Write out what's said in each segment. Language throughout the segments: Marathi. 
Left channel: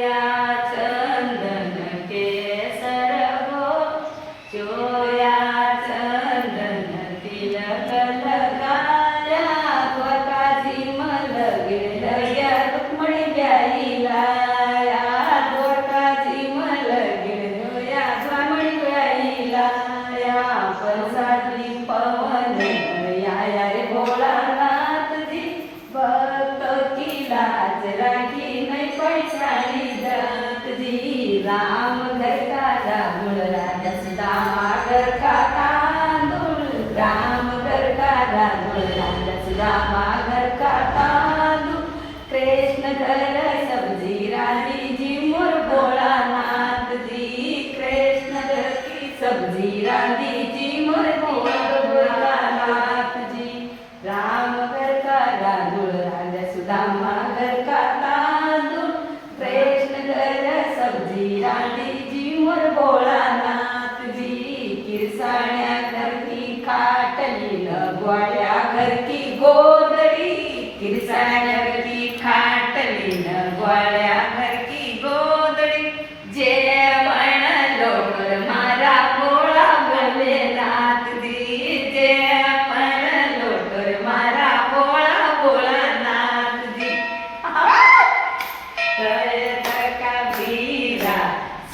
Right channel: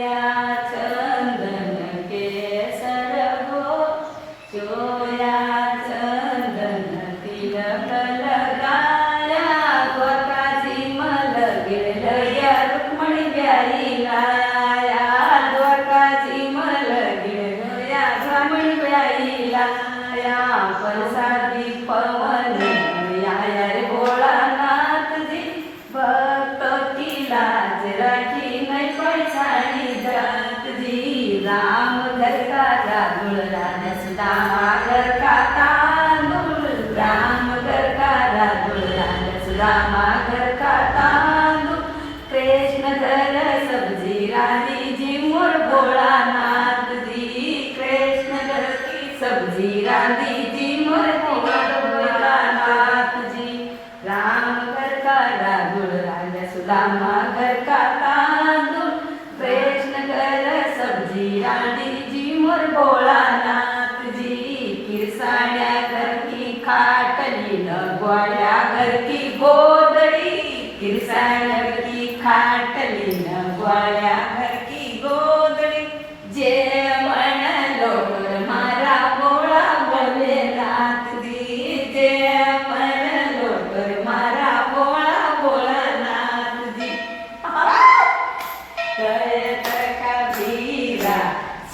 या चंदन केसर गो चोया चंदन तिलक लगाया द्वारकाची मलगिरलया रुक्मणी ब्याईला या द्वारकाची मलगिरलया रुक्मणी ब्याईला या परसादी पवन या रे भोळानाथ जी भक्त की लाज राखी नहीं पैसानी जात जी राम घर का रागुल राजा सुदामा घर का तांदूळ राम घर का रागुल राजा सुदामा घर का तांदूळ कृष्ण घर सब्जी रानी जी मोर भोळानाथ जी कृष्ण घर की सब्जी रानी जी मोर भोळानाथ जी राम घर का रागुल राजा सुदामा घर का तांदूळ कृष्ण घर सब्जी रानी जी मोर भोळानाथ जी किरसाण्या घर की खाटली लगवाड्या घर की गोदडी किरसाण्या घर की खाटली लगवाड्या घर की गोदडी जे म्हणलो मारा भोळा भोलेनाथ जी जे म्हणलो मारा भोळा भोळानाथ जी करत कबीरा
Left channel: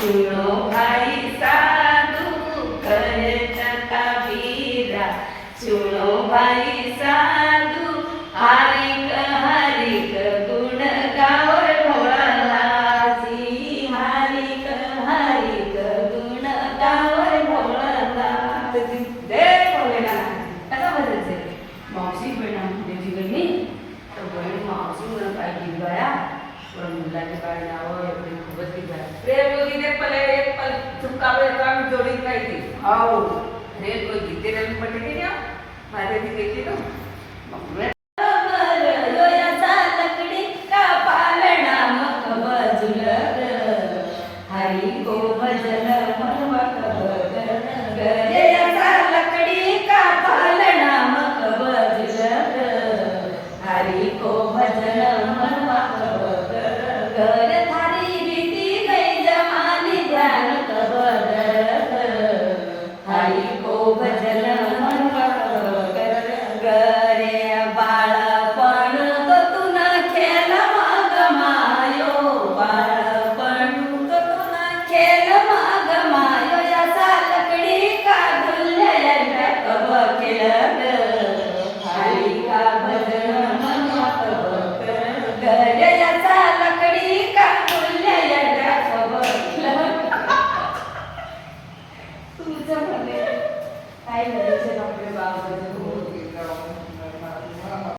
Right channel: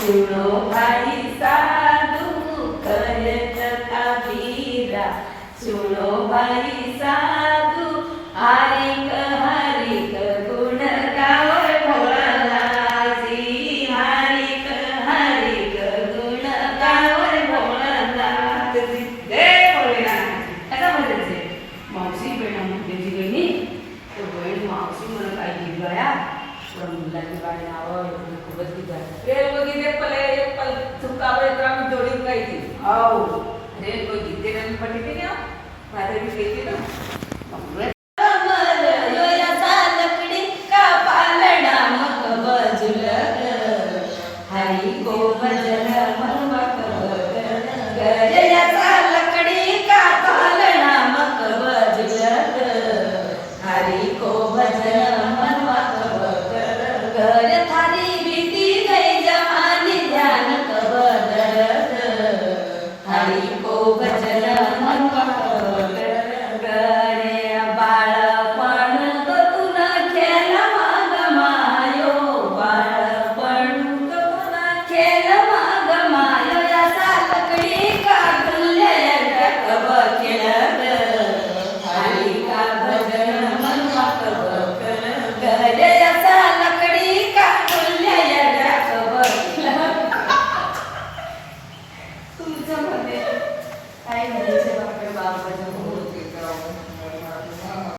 सुनो भाई साधु करत कबीरा सुनो भाई साधु हरिक हरिक गुण गावर भोळानाथजी हरिक हरिक गुण गावर भोळानाथजी जय भोलेनाथ आता म्हणायचे मावशी बहिणा मुलीची बहिणी तर बहीण मावशी म्हणून काय गीत गाया पण मुलाची गाडी नावं खूपच गीत गाया रे मोदी के पले एक पल चुका पड़े तो हम जोड़ी गाई थी आओ रे कोई गीते रंग पटी थी ना माझे भी गई थी ना